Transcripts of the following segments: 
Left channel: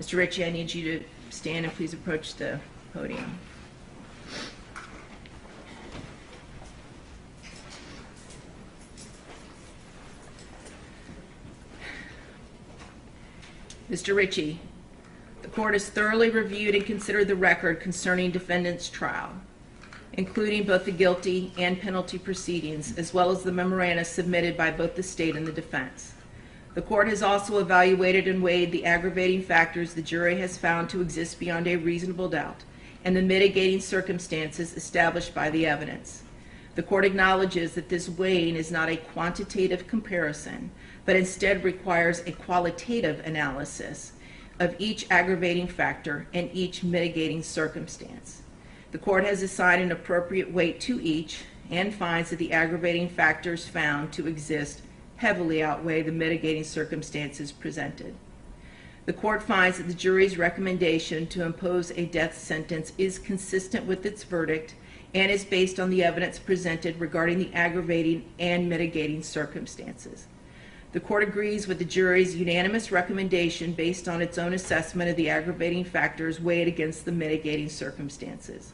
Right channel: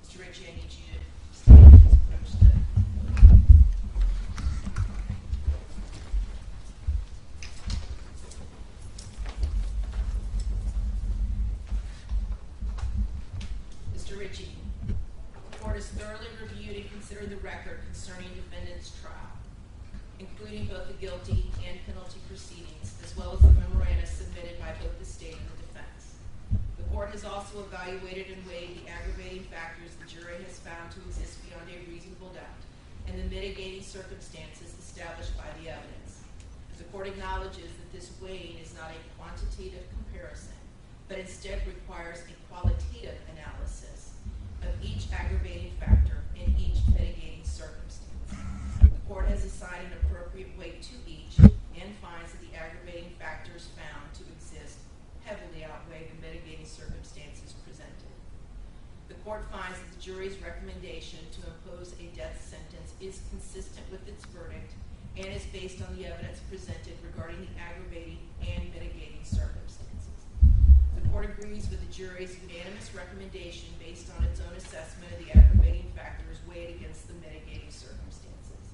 Mr. Ritchie, I need you to stand and please approach the podium. Mr. Ritchie, the court has thoroughly reviewed and considered the record concerning defendant's trial, including both the guilty and penalty proceedings, as well as the memoranda submitted by both the state and the defense. The court has also evaluated and weighed the aggravating factors the jury has found to exist beyond a reasonable doubt and the mitigating circumstances established by the evidence. The court acknowledges that this weighing is not a quantitative comparison, but instead requires a qualitative analysis of each aggravating factor and each mitigating circumstance. The court has assigned an appropriate weight to each and finds that the aggravating factors found to exist heavily outweigh the mitigating circumstances presented. The court finds that the jury's recommendation to impose a death sentence is consistent with its verdict and is based on the evidence presented regarding the aggravating and mitigating circumstances. The court agrees with the jury's unanimous recommendation based on its own assessment of the aggravating factors weighed against the mitigating circumstances.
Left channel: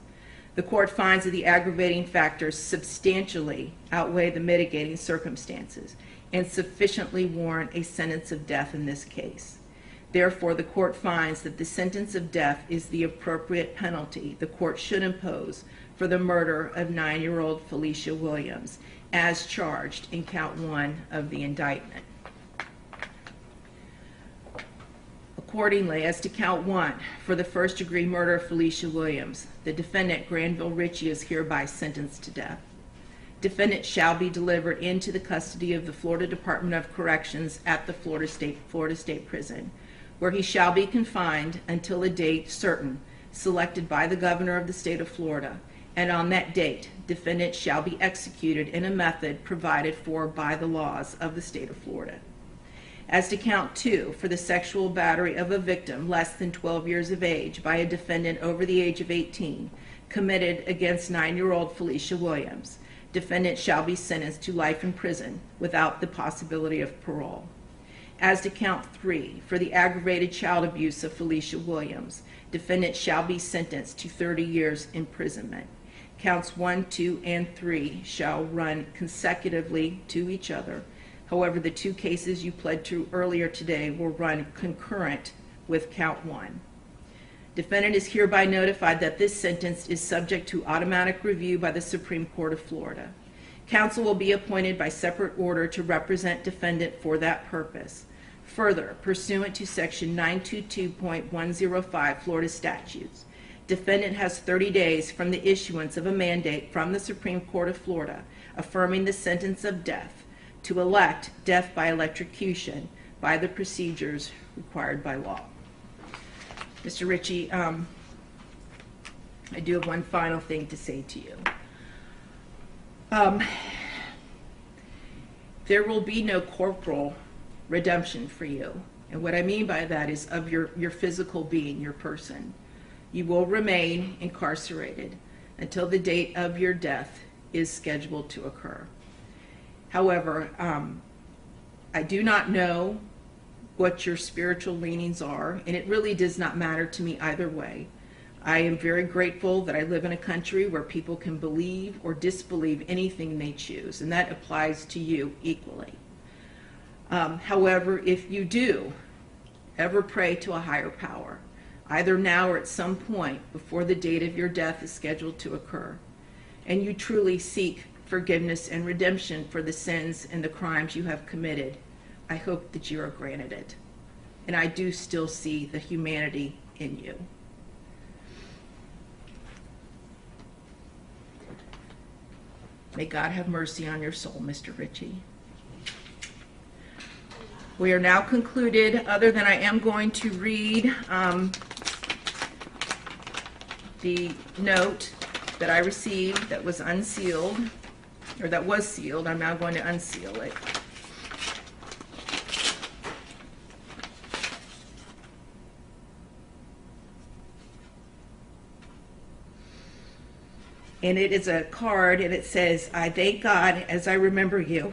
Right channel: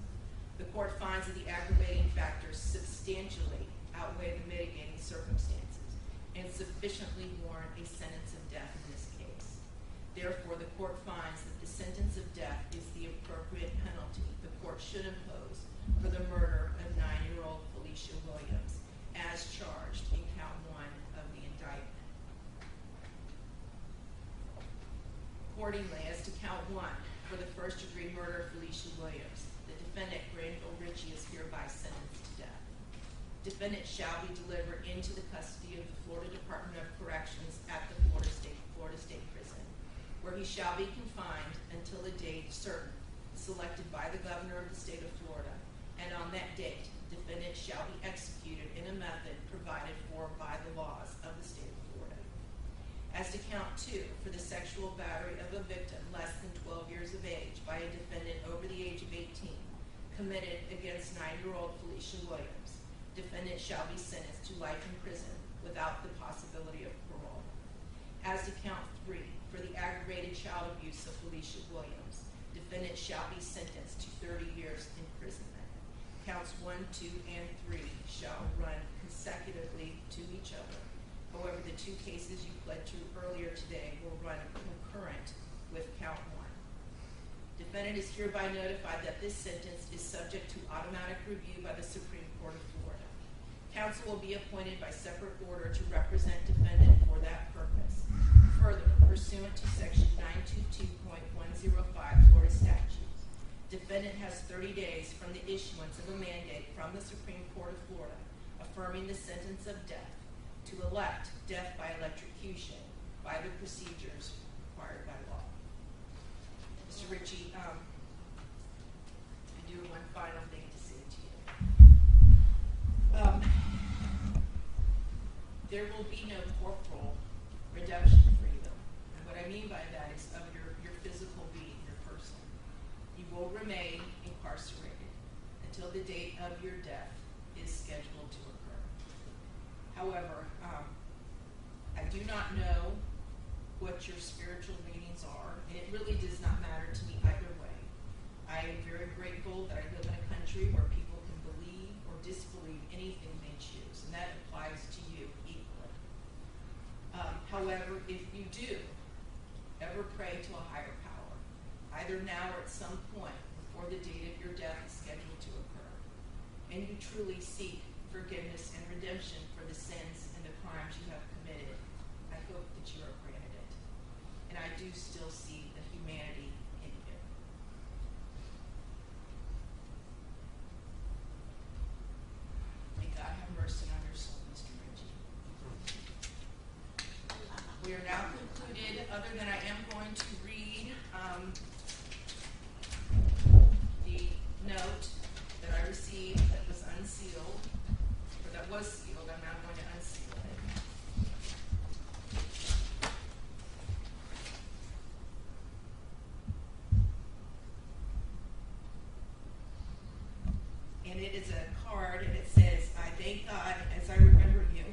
The court finds that the aggravating factors substantially outweigh the mitigating circumstances and sufficiently warrant a sentence of death in this case. Therefore, the court finds that the sentence of death is the appropriate penalty the court should impose for the murder of 9-year-old Felicia Williams, as charged in count 1 of the indictment. Accordingly, as to count 1, for the first-degree murder of Felicia Williams, the defendant, Granville Ritchie, is hereby sentenced to death. Defendant shall be delivered into the custody of the Florida Department of Corrections at the Florida State Prison, where he shall be confined until a date certain selected by the governor of the state of Florida, and on that date, defendant shall be executed in a method provided for by the laws of the state of Florida. As to count 2, for the sexual battery of a victim less than 12 years of age by a defendant over the age of 18 committed against 9-year-old Felicia Williams, defendant shall be sentenced to life in prison without the possibility of parole. As to count 3, for the aggravated child abuse of Felicia Williams, defendant shall be sentenced to 30 years imprisonment. Counts 1, 2, and 3 shall run consecutively to each other. However, the 2 cases you pled to earlier today will run concurrent with count 1. Defendant is hereby notified that this sentence is subject to automatic review by the Supreme Court of Florida. Counsel will be appointed by separate order to represent defendant for that purpose. Further, pursuant to section 922.105 Florida statutes, defendant has 30 days from the issuance of a mandate from the Supreme Court of Florida affirming the sentence of death to elect death by electrocution by the procedures required by law. Mr. Ritchie, I do have one final thing to say to you. There will be no corporal redemption for you. And what I mean by that is of your physical being, your person. You will remain incarcerated until the date of your death is scheduled to occur. However, I do not know what your spiritual leanings are, and it really does not matter to me either way. I am very grateful that I live in a country where people can believe or disbelieve anything they choose, and that applies to you equally. However, if you do ever pray to a higher power, either now or at some point before the date of your death is scheduled to occur, and you truly seek forgiveness and redemption for the sins and the crimes you have committed, I hope that you are granted it. And I do still see the humanity in you. May God have mercy on your soul, Mr. Ritchie. We are now concluded, other than I am going to read the note that I received that was unsealed, or that was sealed. I'm now going to unseal it. And it is a card, and it says, "I thank God as I remember you